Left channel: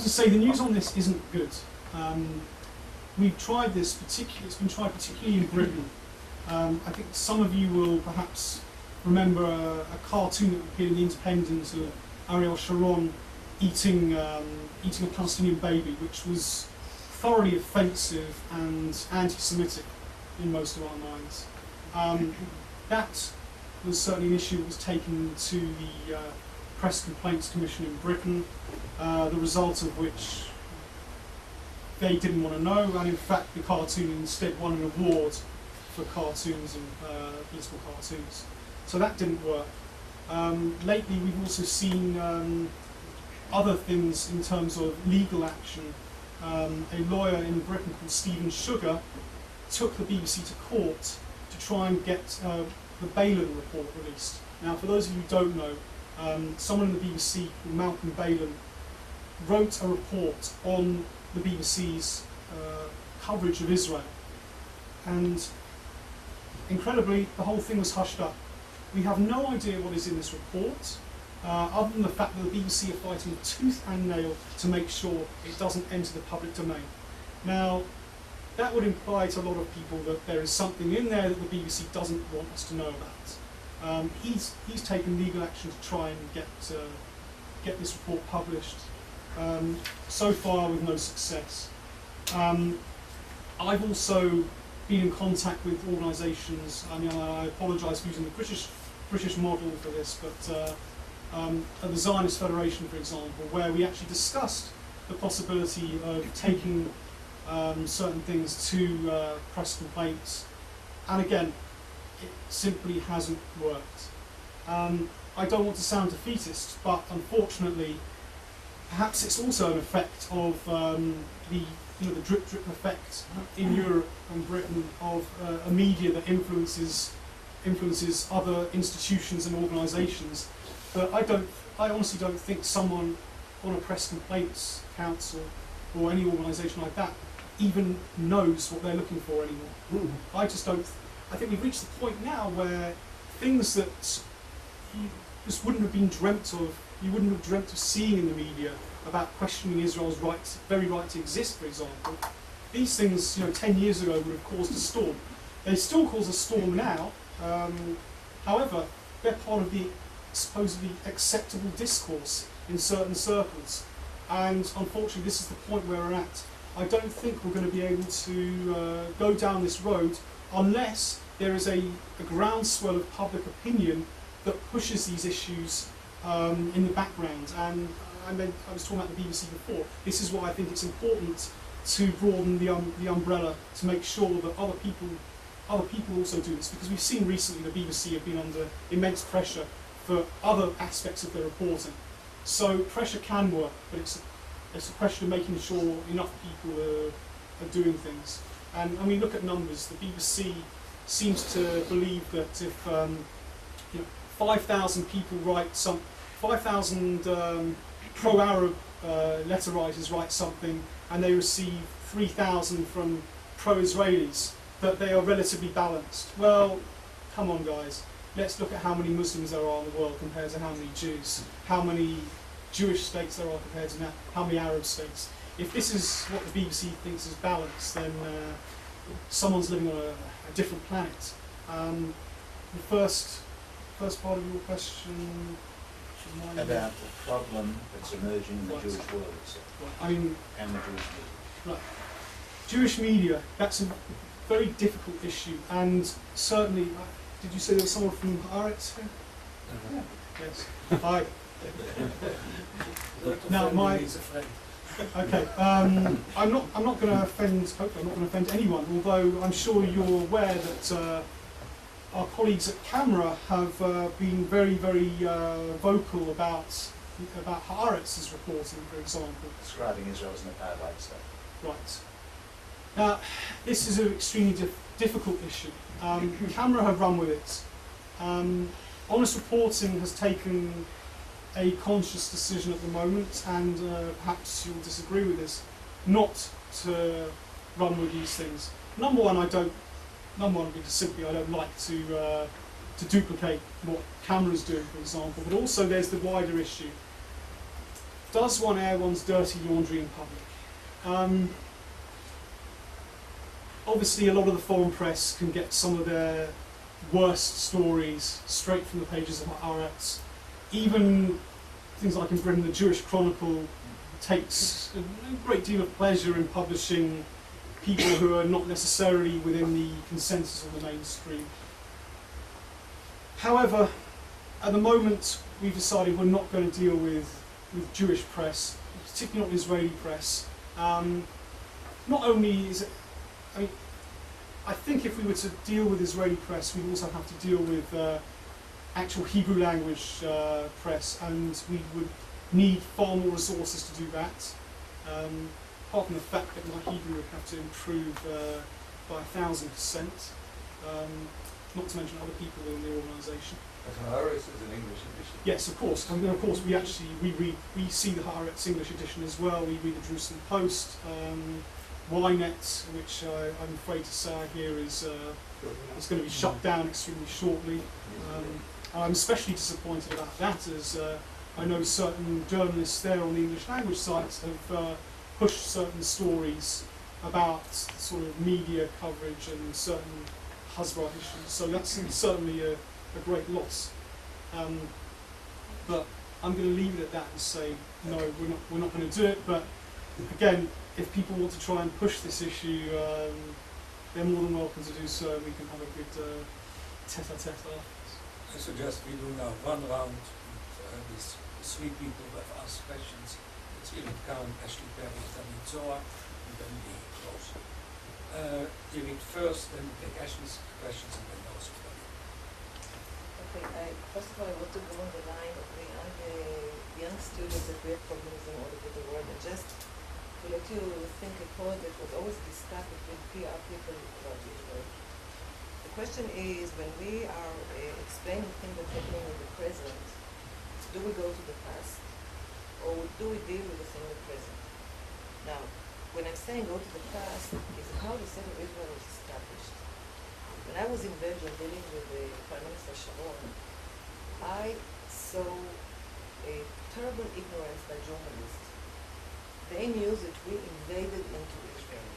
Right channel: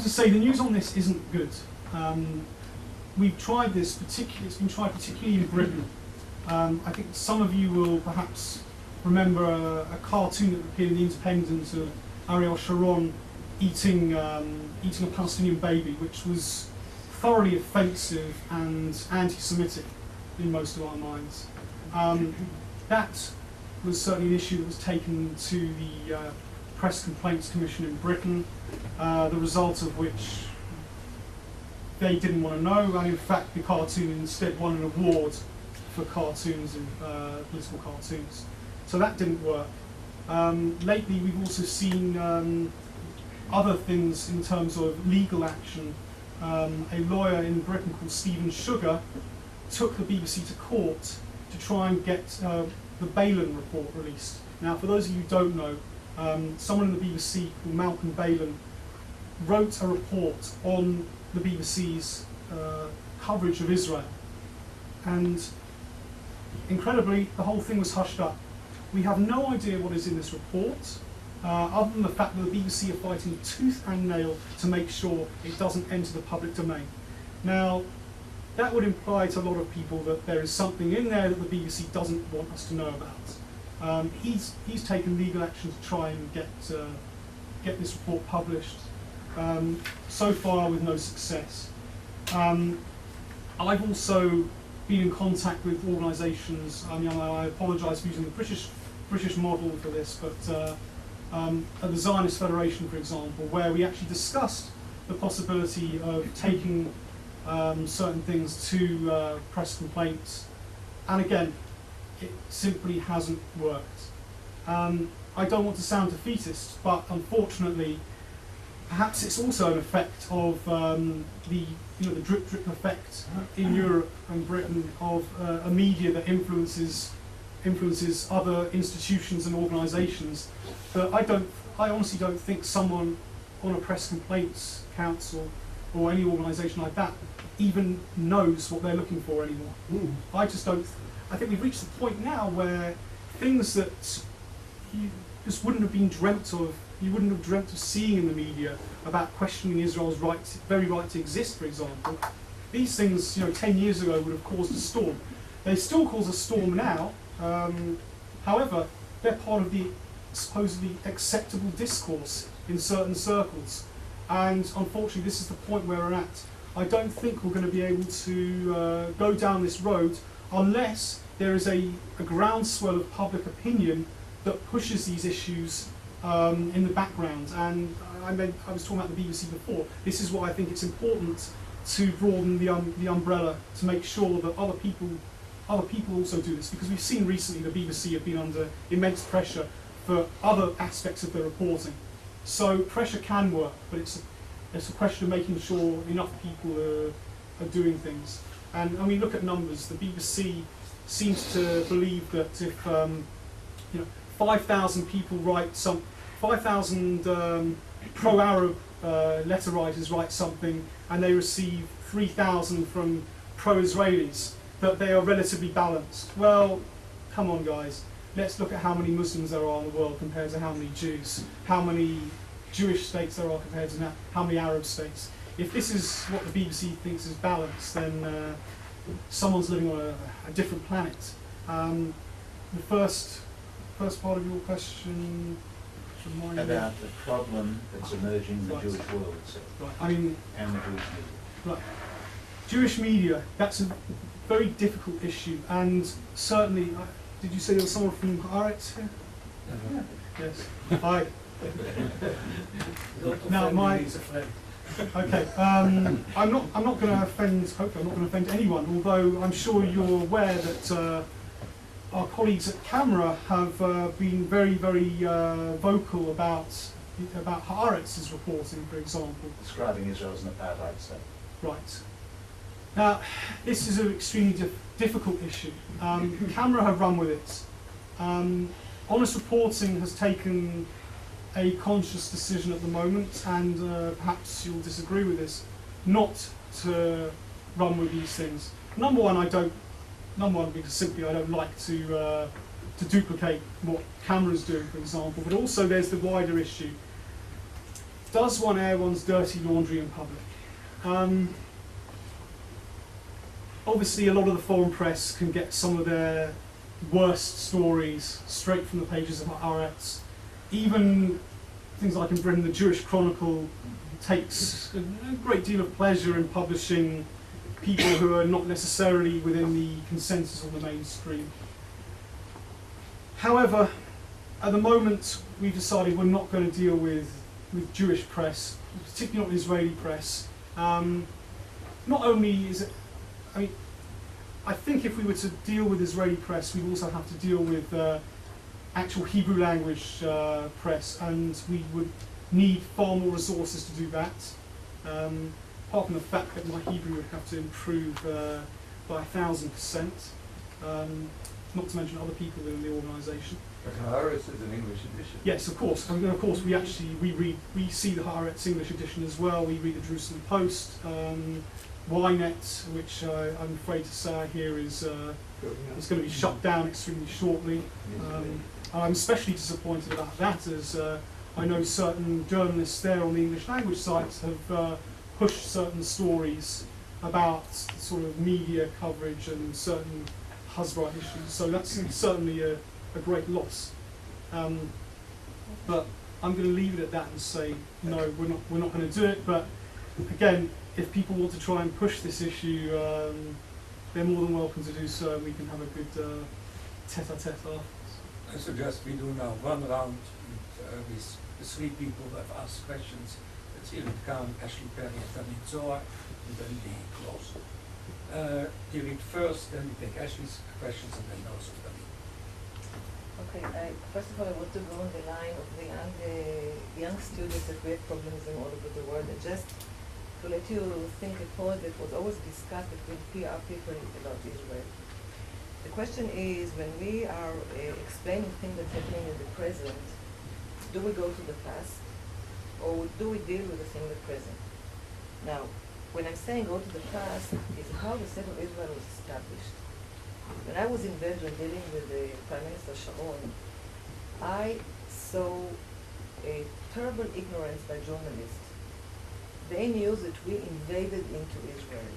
have to say the news on this isn't good. We've tried this it's been tried particularly in Britain. I think some of you will perhaps remember a cartoon that appeared in The Independent of Ariel Sharon eating a Palestinian baby, which was thoroughly offensive and anti-Semitic in most of our minds. That was certainly an issue that was taken to the Press Complaints Commission in Britain, the result of which they didn't want to know, and in fact the cartoon instead won an award for cartoons and political cartoons. So that didn't work. Lately we've also seen other things in terms of legal action. A lawyer in Britain called Stephen Sugar took the BBC to court to try and get the Balin report released. Now, for those of you who don't know, someone in the BBC called Malcolm Balin wrote a report on the BBC's coverage of Israel, and incredibly the whole thing was hushed up. We have no idea what is in this report, other than the fact that the BBC are fighting tooth and nail to make sure it doesn't enter the public domain. Now, that would imply to a lot of people that there is something in there that the BBC doesn't want us to know about. He's taken legal action to try and get this report published, so far with no success. I've also been in contact with organisations. I mean, I apologise for using the British model for this, but at the Zionist Federation, for example, where we actually discussed the possibility of taking certain things to press complaints, and again, it simply hasn't worked. I don't want to sound defeatist, but unfortunately, perhaps it's also an effect of the drip effect in Europe and Britain of a media that influences other institutions and organisations. But I honestly don't think someone on a press complaints council or any organisation like that even knows what they're looking for anymore. I just don't. I think we've reached the point now where things that you just wouldn't have been dreamt of, you wouldn't have dreamt of seeing in the media about questioning Israel's very right to exist, for example. These things, 10 years ago would have caused a storm. They still cause a storm now. However, they're part of the supposedly acceptable discourse in certain circles. And unfortunately, this is the point where we're at. I don't think we're going to be able to go down this road unless there is a groundswell of public opinion that pushes these issues in the background. And I was talking about the BBC before. This is why I think it's important to broaden the umbrella to make sure that other people also do this, because we've seen recently the BBC have been under immense pressure for other aspects of their reporting. So pressure can work, but it's a question of making sure enough people are doing things. And I mean, look at numbers. The BBC seems to believe that if 5,000 people write 5,000 pro-Arab letter writers write something, and they receive 3,000 from pro-Israelis, that they are relatively balanced. Well, come on, guys. Let's look at how many Muslims there are in the world compared to how many Jews, how many Jewish states there are compared to how many Arab states. If this is what the BBC thinks is balanced, then someone's living on a different planet. The first part of your question, about the problem that's emerging in the Jewish world, right. I mean, and the Jewish media. Right. Jewish media, that's a very difficult issue, and certainly, did you say there was someone from Haaretz here? Yeah. Yes. Hi. Now okay. I'm not going to offend. Hopefully, I'm not going to offend anyone. Although I'm sure you're aware that our colleagues at Camera have been very, very vocal about Haaretz's reporting, for example. Describing Israel as an apartheid state. Right. Now, this is an extremely difficult issue. Camera have run with it. Honest Reporting has taken a conscious decision at the moment, and perhaps you'll disagree with this, not to run with these things. Number one, because simply I don't like to duplicate what Camera's doing, for example, but also there's the wider issue. does one air one's dirty laundry in public? Obviously, a lot of the foreign press can get some of their worst stories straight from the pages of Haaretz. Even things like in Britain, the Jewish Chronicle takes a great deal of pleasure in publishing people who are not necessarily within the consensus or the mainstream. However, at the moment, we've decided we're not going to deal with Jewish press, particularly not Israeli press. Not only is it, I mean, I think if we were to deal with Israeli press, we'd also have to deal with actual Hebrew language press, and we would need far more resources to do that. Apart from the fact that my Hebrew would have to improve by 1,000%, not to mention other people in the organisation. But Haaretz is an English edition. Yes, of course. And of course, we see the Haaretz English edition as well. We read the Jerusalem Post, Ynet, which I'm afraid to say I hear is going to be shut down extremely shortly. I'm especially disappointed about that, as I know certain journalists there on the English language sites have pushed certain stories about sort of media coverage and certain Hasbara issues. So that's certainly a great loss. But I'm going to leave it at that and say no, we're not going to do it. But again, if people want to try and push this issue, they're more than welcome to do so, and we can have a good tete-a-tete afterwards. I suggest we do now one round with the three people who have asked questions. It's Erik Kahn, Ashley Perry, and David Zohar, and then we close. Erik first, then we take Ashley's questions, and then those of David. Okay, first of all, I want to go on the line of the young students that we have problems in all over the world, and just to let you think a point that was always discussed between PR people about Israel. The question is, when we are explaining things that's happening in the present, do we go to the past, or do we deal with the thing in the present? Now, when I'm saying go to the past, is how the state of Israel was established. When I was in Belgium dealing with the Prime Minister Sharon, I saw a terrible ignorance by journalists. They knew that we invaded into Israel.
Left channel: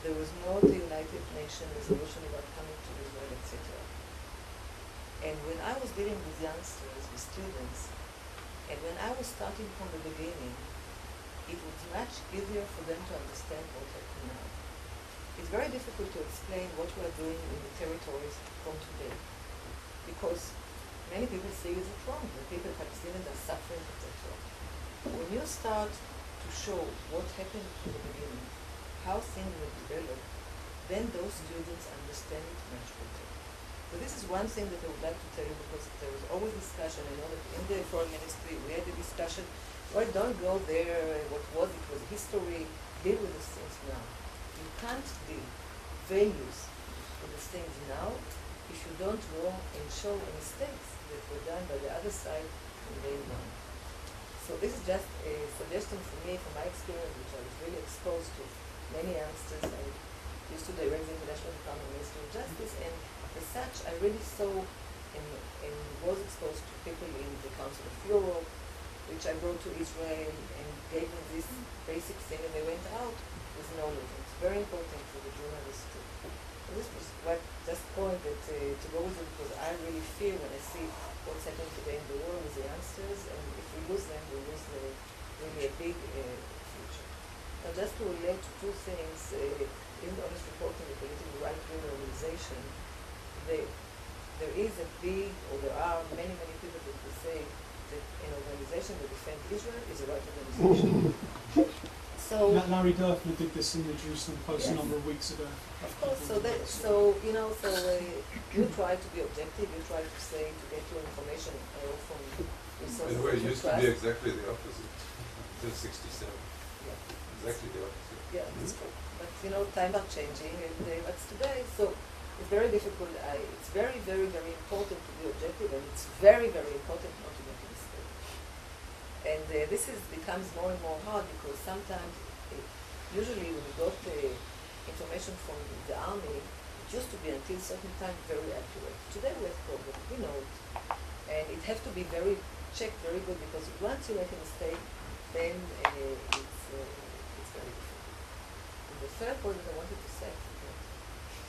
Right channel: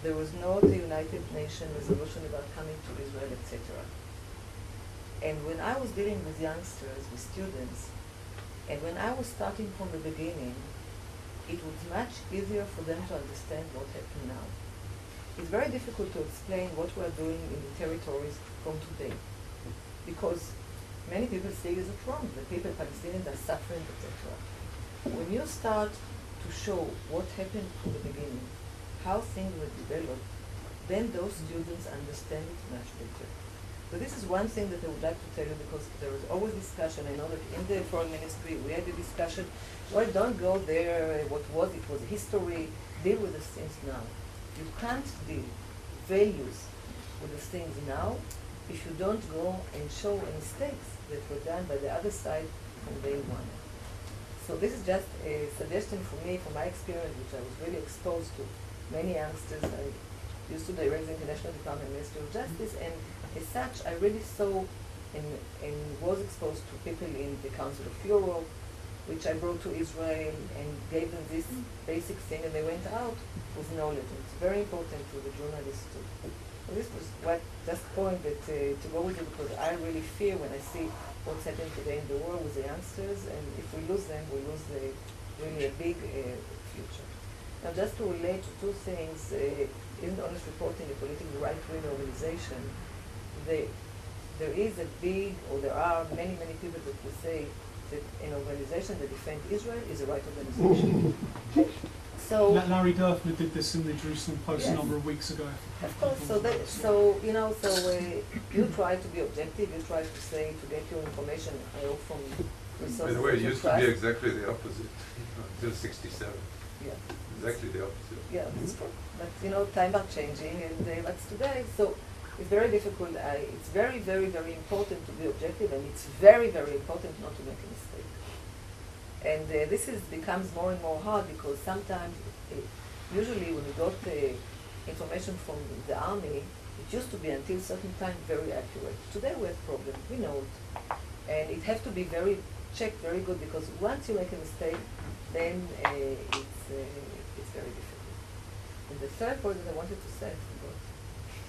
There was no United Nations resolution about coming to Israel, etc. And when I was dealing with youngsters, with students, and when I was starting from the beginning, it was much easier for them to understand what happened now. It's very difficult to explain what we are doing in the territories from today, because many people say it's wrong, the people, Palestinians, are suffering, etc. When you start to show what happened from the beginning, how things were developed, then those students understand it much better. So this is one thing that I would like to tell you, because there was always discussion. I know that in the foreign ministry we had a discussion, well, don't go there, what was it, was history, deal with the things now. You can't deal values with the things now if you don't go and show mistakes that were done by the other side from day one. So this is just a suggestion for me, from my experience, which I was really exposed to many youngsters. I used to direct the International Department of Ministry of Justice, and as such, I really saw and was exposed to people in the Council of Europe, which I brought to Israel and gave them this basic thing, and they went out with knowledge. And it's very important to the journalists too. So this was what just point that to go with it, because I really fear when I see what's happening today in the world with the youngsters, and if we lose them, we lose really a big future. Now, just to relate to two things, isn't HonestReporting a politically right-wing organization? There is a big, or there are many, many people that will say that an organization that defends Israel is a right organization. So Larry Durfner did this in the Jerusalem Post a number of weeks ago. of course, you try to be objective, you try to say, to get your information from resources. By the way, it you used to trust. be exactly the opposite until '67. Yeah. Exactly the opposite. Yeah, that's true. But times are changing, and that's today. So it's very difficult. It's very, very, very important to be objective, and it's very, very important not to make a mistake. And this becomes more and more hard, because sometimes, usually when we got information from the army, it used to be until a certain time very accurate. Today we have problems, we know it. And it has to be checked very good, because once you make a mistake, then it's very difficult. And the third point that I wanted to say, I forgot.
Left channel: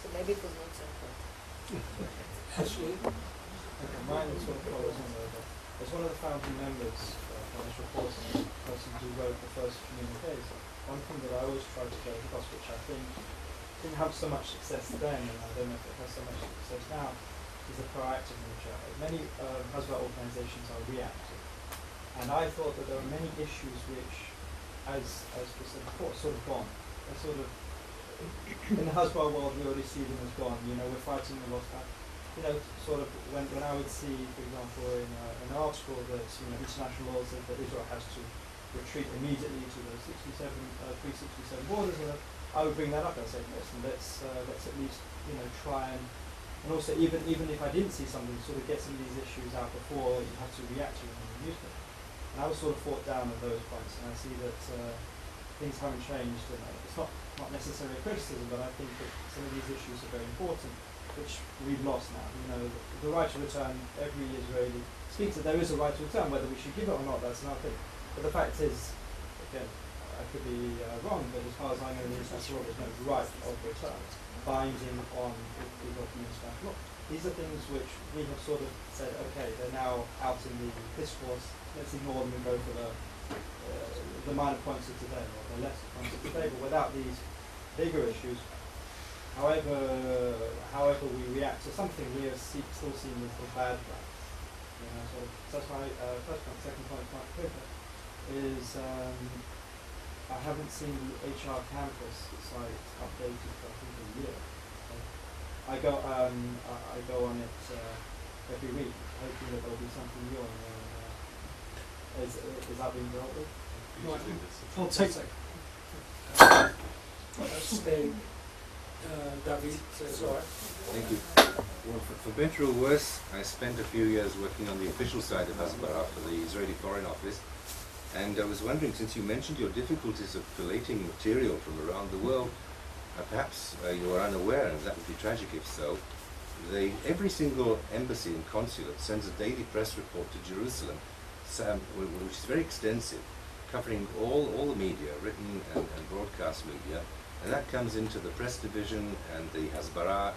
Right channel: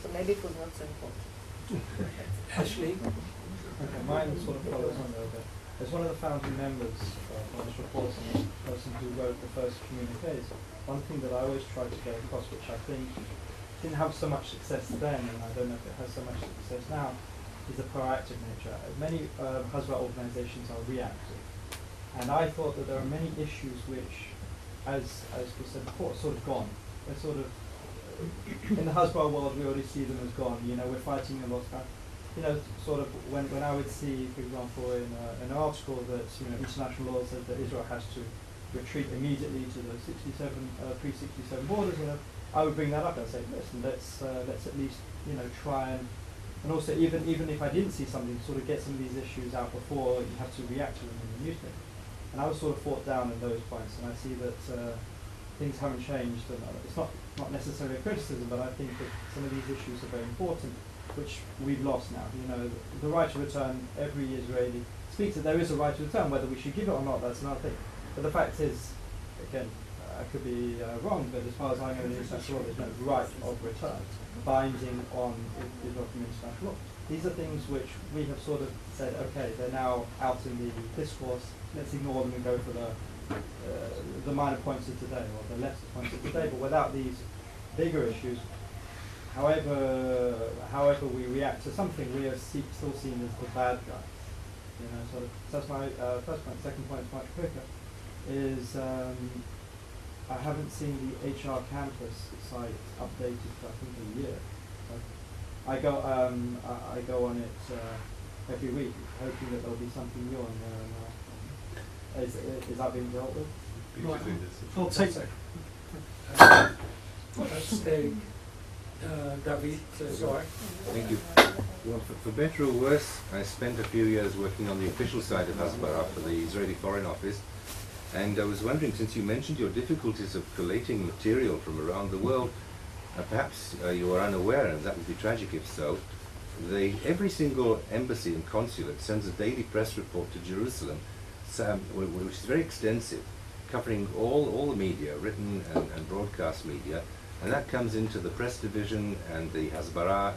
So maybe it was not so important. Ashley? Okay, mine sort of follows on though. As one of the founding members of HonestReporting, the person who wrote the first communiques, one thing that I always try to get across, which I think didn't have so much success then, and I don't know if it has so much success now, is the proactive nature. Many Hasbara organizations are reactive. And I thought that there are many issues which, as we said before, are sort of gone. They're sort of, in the Hasbara world, we already see them as gone. You know, we're fighting a lost battle. You know, sort of when I would see, for example, in an article that, you know, international law says that Israel has to retreat immediately to the pre-67 borders, and I would bring that up and say, listen, let's at least, you know, try and also even if I didn't see something, sort of get some of these issues out before you have to react to them in the newspaper. And I was sort of fought down at those points, and I see that things haven't changed, and it's not necessarily a criticism, but I think that some of these issues are very important, which we've lost now. You know, the right to return, every Israeli speaks that there is a right to return. Whether we should give it or not, that's another thing. But the fact is, again, I could be wrong, but as far as I know, there's no right of return binding on Israel from international law. These are things which we have sort of said, okay, they're now out in the discourse, let's ignore them and go for the minor points of today, or the lesser points of today, but without these bigger issues. However we react to something, we are still seen as the bad guy. You know, sort of. So that's my first point. Second point, much quicker, is I haven't seen the HR campus site updated for I think a year. I go on it every week, hoping that there'll be something new on there. Is that being dealt with? Right. Usually this. I'll take Let's take David, sorry. Thank you. Well, for better or worse, I spent a few years working on the official side of Hasbara for the Israeli Foreign Office, and I was wondering, since you mentioned your difficulties of collating material from around the world, perhaps you are unaware, and that would be tragic if so, every single embassy and consulate sends a daily press report to Jerusalem, which is very extensive, covering all the media, written and broadcast media, and that comes into the press division and the Hasbara,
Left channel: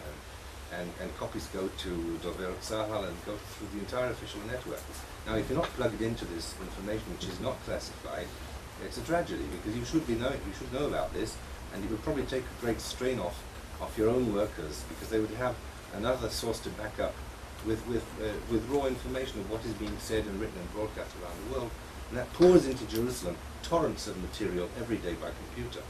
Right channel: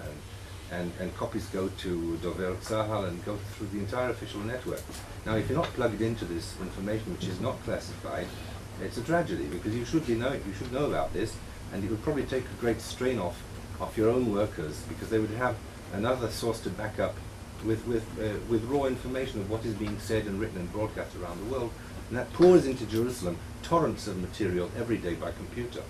and copies go to Dover Tzahal and go through the entire official network. Now, if you're not plugged into this information, which is not classified, it's a tragedy, because you should know about this, and it would probably take a great strain off your own workers, because they would have another source to back up with raw information of what is being said and written and broadcast around the world, and that pours into Jerusalem torrents of material every day by computer.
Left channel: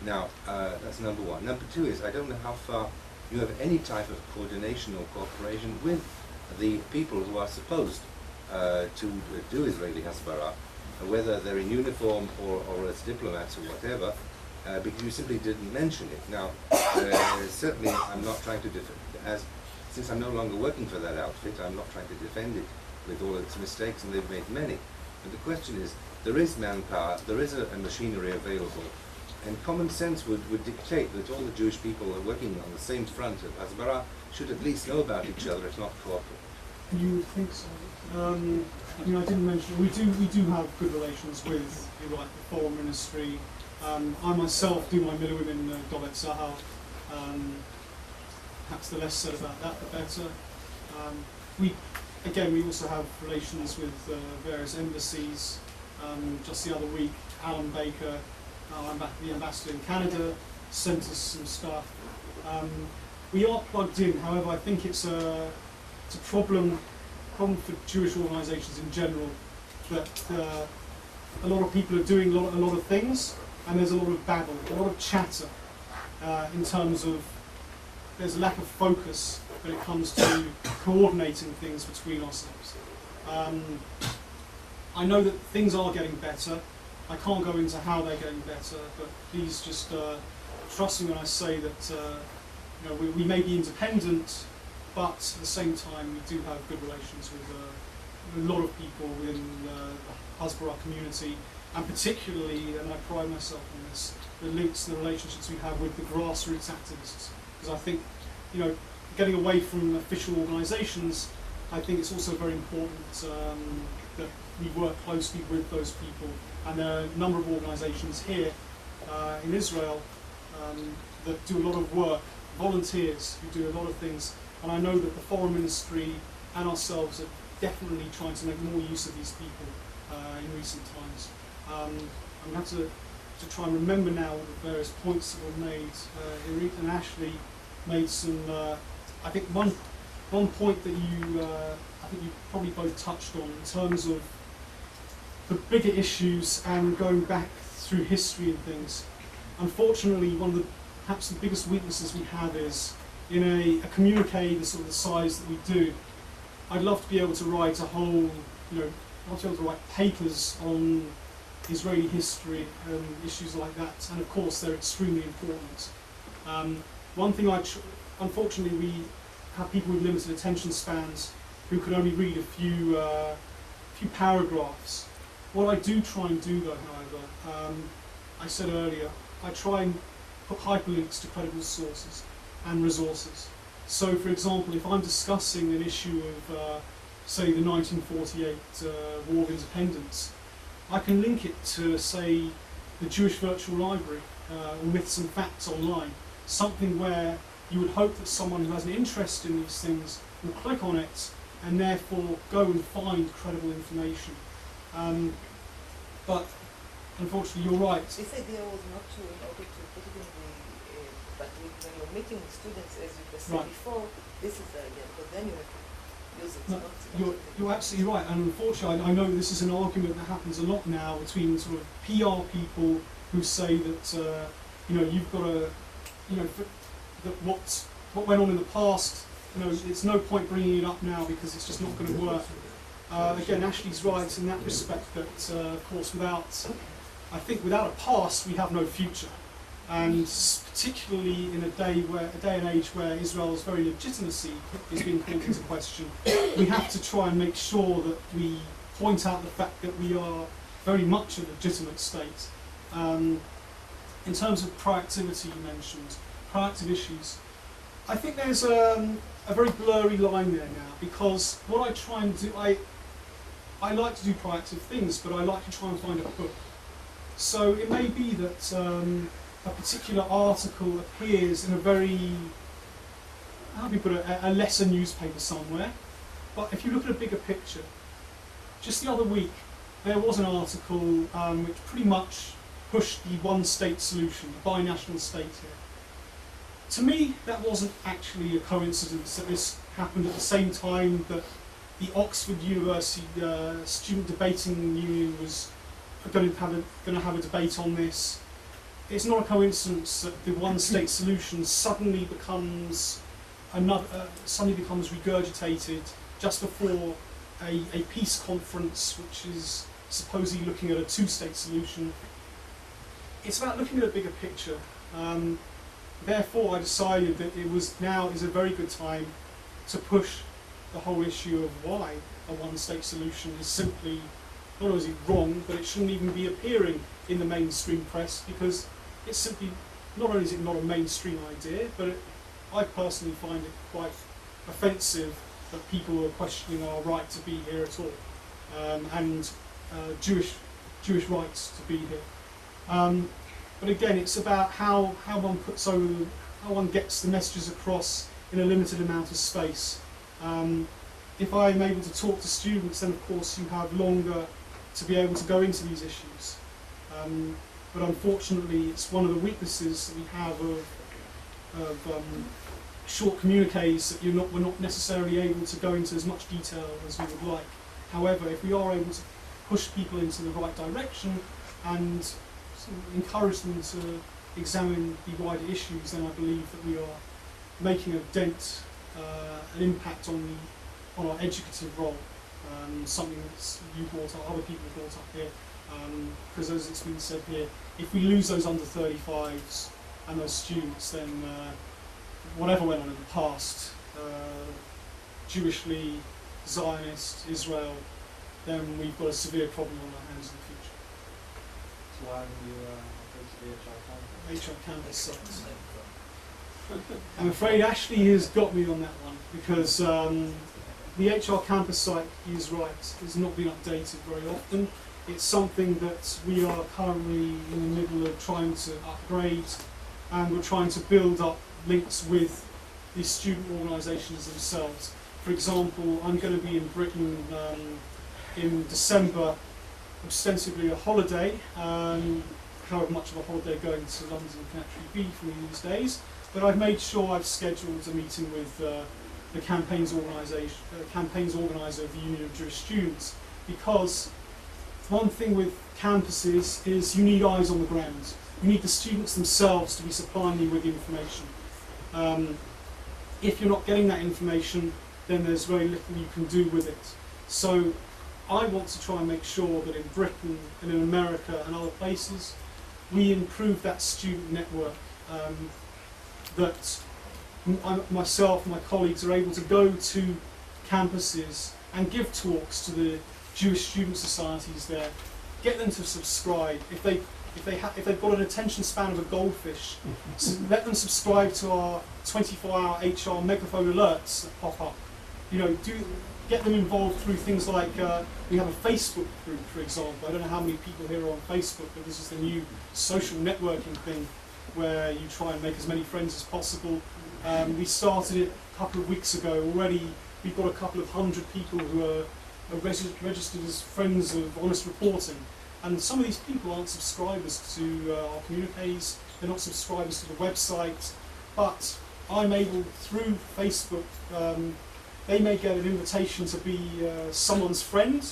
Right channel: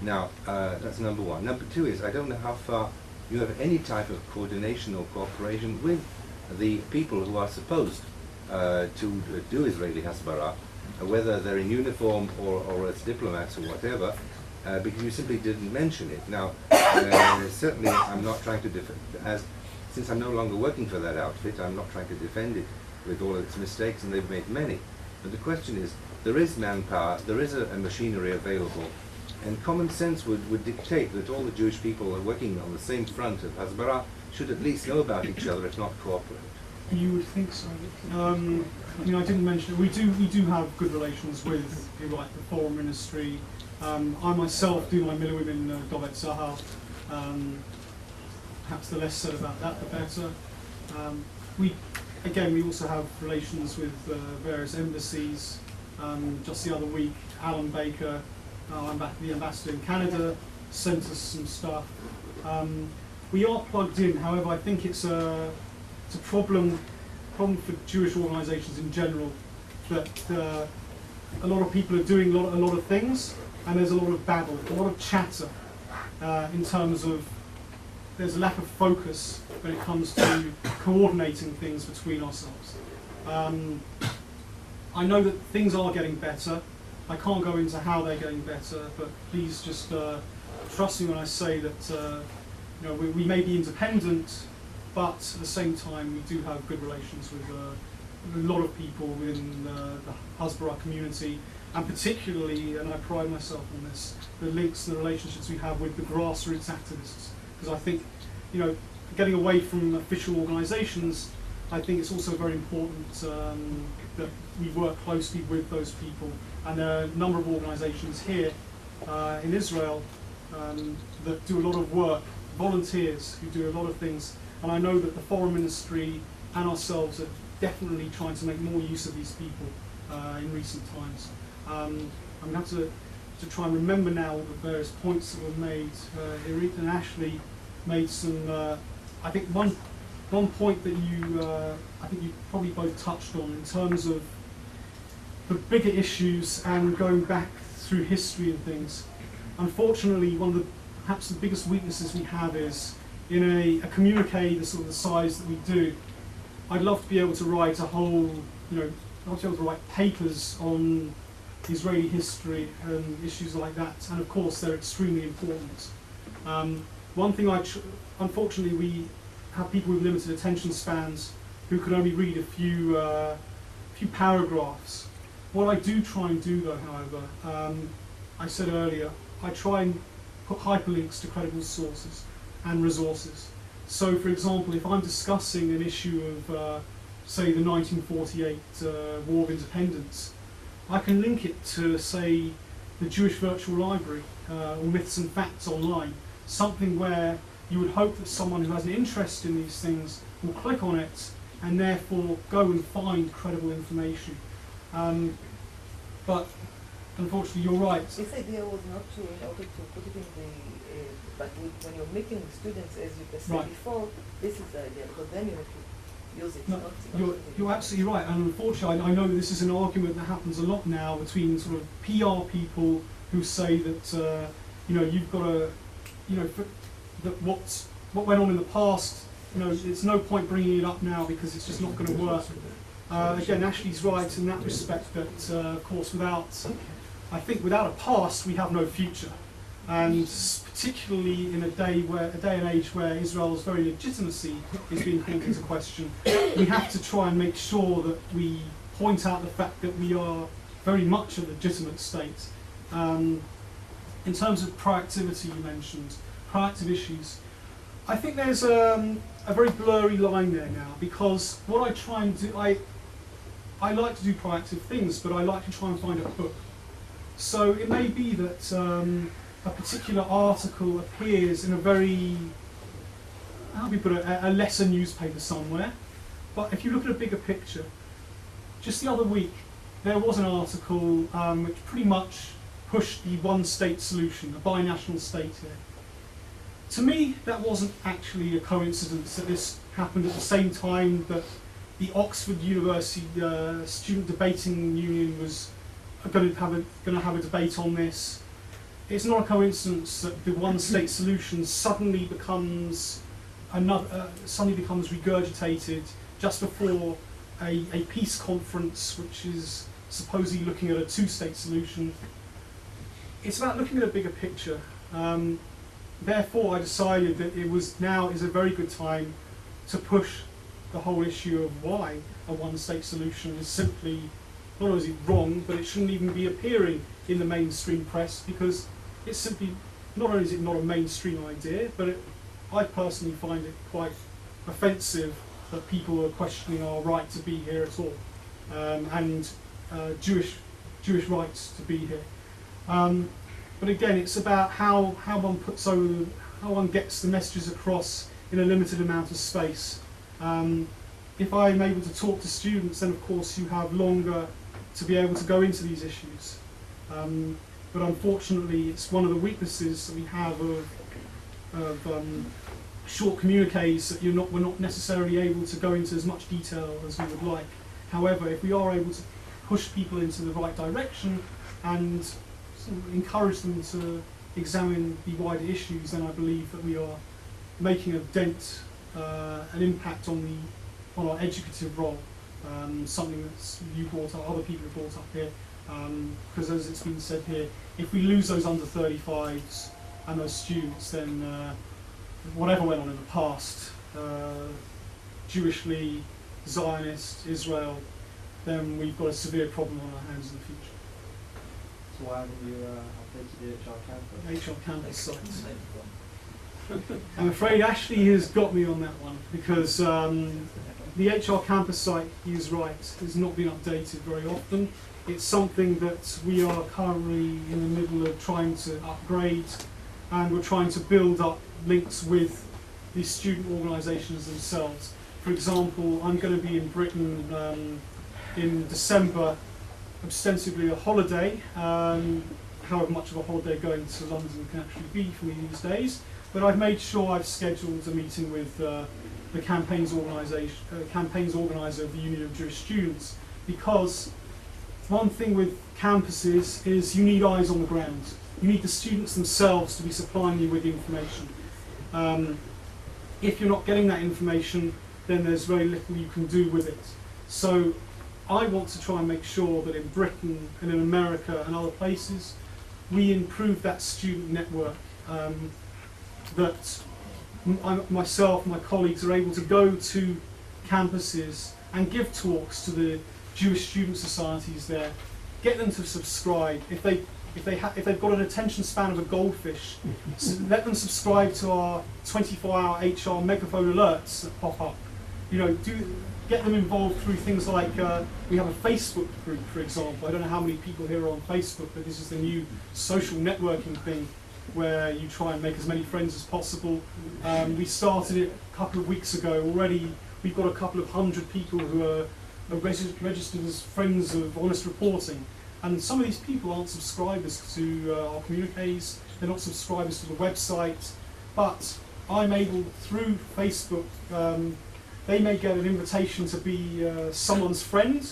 Now, that's number one. Number two is, I don't know how far you have any type of coordination or cooperation with the people who are supposed to do Israeli Hasbara, whether they're in uniform or as diplomats or whatever, because you simply didn't mention it. Now, certainly I'm not trying to since I'm no longer working for that outfit, I'm not trying to defend it with all its mistakes, and they've made many. But the question is, there is manpower, there is a machinery available, and common sense would dictate that all the Jewish people who are working on the same front of Hasbara should at least know about each other, if not cooperate. You would think so. I mean, I didn't mention it. We do have good relations with people like the Foreign Ministry. I myself do my Miliwim in Dover Tzahal. Perhaps the less said about that, the better. We also have relations with various embassies. Just the other week, Alan Baker, the ambassador in Canada, sent us some stuff. We are plugged in. However, I think it's a problem for Jewish organisations in general, that a lot of people are doing a lot of things, and there's a lot of babble, a lot of chatter, in terms of there's a lack of focus when it comes to coordinating things between ourselves. I know that things are getting better. I can't go into how they're getting better, but please just trust me when I say that we may be independent, but at the same time we do have good relations with a lot of people within the Hasbara community, and particularly, and I pride myself on this, the links, the relationships we have with the grassroots activists. Because I think, getting away from official organisations, I think it's also very important that we work closely with those people and there are a number of organisations here in Israel that do a lot of work, volunteers who do a lot of things, and I know that the Foreign Ministry and ourselves are definitely trying to make more use of these people in recent times. I'm going to have to try and remember now all the various points that were made. Irit and Ashley made some, I think one point that I think you probably both touched on in terms of the bigger issues and going back through history and things. Unfortunately, one of perhaps the biggest weaknesses we have is in a communique the sort of the size that we do. I'd love to be able to write a whole, I'd love to be able to write papers on Israeli history and issues like that, and of course they're extremely important. One thing unfortunately we have people with limited attention spans who can only read a few paragraphs. What I do try and do though, however, I said earlier, I try and put hyperlinks to credible sources and resources. So for example, if I'm discussing an issue of, say, the 1948 War of Independence, I can link it to, say, the Jewish Virtual Library or Myths and Facts online, something where you would hope that someone who has an interest in these things will click on it and therefore go and find credible information. But unfortunately, you're right. This idea was not to, in order to put it in the, but when you're meeting with students, as you said Right. before, this is the idea, because then you have to use it. No, you're absolutely right, and unfortunately, I know this is an argument that happens a lot now between sort of PR people who say that you've got to, that what went on in the past, it's no point bringing it up now because it's just not going to work. Again, Ashley's right in that respect that, of course, without a past, we have no future. And particularly in a day and age where Israel's very legitimacy is being called into question, we have to try and make sure that we point out the fact that we are very much a legitimate state. In terms of proactivity, you mentioned proactive issues. I think there's a very blurry line there now, because what I try and do, I like to do proactive things, but I like to try and find a hook. So it may be that a particular article appears in a very, how do we put it, a lesser newspaper somewhere. But if you look at a bigger picture, just the other week there was an article which pretty much pushed the one-state solution, a binational state here. To me, that wasn't actually a coincidence that this happened at the same time that the Oxford University Student Debating Union was going to have a debate on this. It's not a coincidence that the one-state solution suddenly becomes regurgitated just before a peace conference, which is supposedly looking at a two-state solution. It's about looking at a bigger picture. Therefore, I decided that now is a very good time to push the whole issue of why a one-state solution is simply, not only is it wrong, but it shouldn't even be appearing in the mainstream press, because it's simply, not only is it not a mainstream idea, but I personally find it quite offensive that people are questioning our right to be here at all, and Jewish rights to be here. But again, it's about how one gets the messages across in a limited amount of space. If I'm able to talk to students, then of course you have longer to be able to go into these issues. But unfortunately, it's one of the weaknesses that we have of short communiques, that we're not necessarily able to go into as much detail as we would like. However, if we are able to push people into the right direction and sort of encourage them to examine the wider issues, then I believe that we are making a dent, an impact on our educative role. Something that you brought up, other people brought up here, because as it's been said here, if we lose those under 35s and those students, then whatever went on in the past, Jewishly, Zionist, Israel, then we've got a severe problem on our hands in the future. So why haven't you updated the HR campus? HR campus site. I'm afraid Ashley has got me on that one, because the HR campus site, he is right, has not been updated very often. It's something that we are currently in the middle of trying to upgrade, and we're trying to build up links with the student organisations themselves. For example, I'm going to be in Britain in December, ostensibly a holiday, however much of a holiday going to London can actually be for me these days, but I've made sure I've scheduled a meeting with the campaigns organiser of the Union of Jewish Students, because one thing with campuses is you need eyes on the ground. You need the students themselves to be supplying you with the information. If you're not getting that information, then there's very little you can do with it. So I want to try and make sure that in Britain and in America and other places, we improve that student network, that myself and my colleagues are able to go to campuses and give talks to the Jewish student societies there, get them to subscribe. If they've got an attention span of a goldfish, let them subscribe to our 24-hour HR megaphone alerts that pop up. You know, get them involved through things like we have a Facebook group, for example. I don't know how many people here are on Facebook, but this is the new social networking thing where you try and make as many friends as possible. We started it a couple of weeks ago. Already we've got a couple of hundred people who are registered as friends of Honest Reporting. And some of these people aren't subscribers to our communiques, they're not subscribers to the website, but I'm able, through Facebook, they may get an invitation to be someone's friend,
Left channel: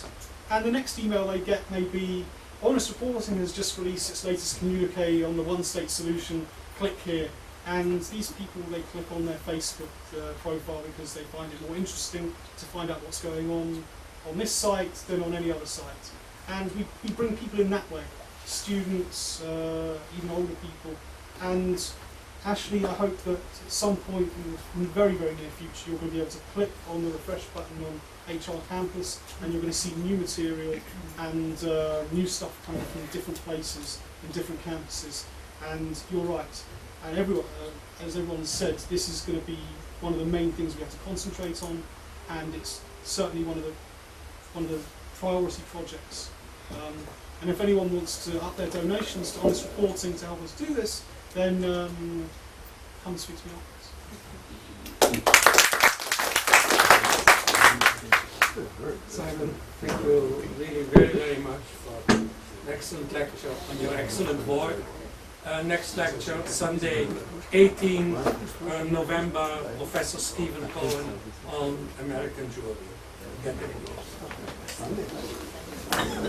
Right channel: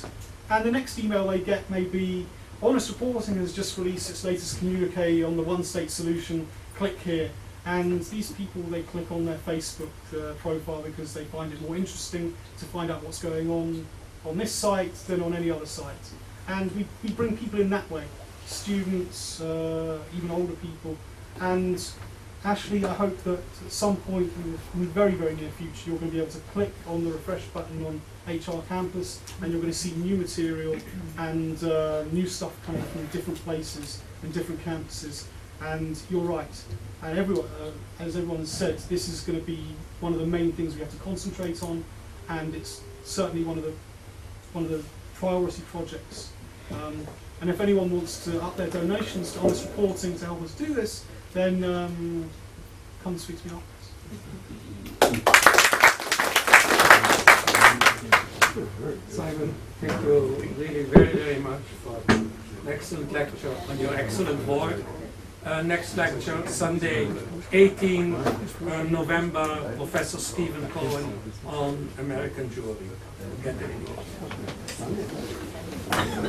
and the next email they get may be, Honest Reporting has just released its latest communique on the one-state solution, click here. And these people, they click on their Facebook profile because they find it more interesting to find out what's going on this site than on any other site. And we bring people in that way, students, even older people. And Ashley, I hope that at some point in the very, very near future, you're going to be able to click on the refresh button on HR Campus, and you're going to see new material and new stuff coming from different places and different campuses. And you're right. And everyone, as everyone has said, this is going to be one of the main things we have to concentrate on, and it's certainly one of the priority projects. And if anyone wants to up their donations to Honest Reporting to help us do this, then come speak to me afterwards. Simon, thank you really very, very much for an excellent lecture on your excellent work. Next lecture, Sunday, 18 November, Professor Stephen Cohen on American Jewry. Get it in yours.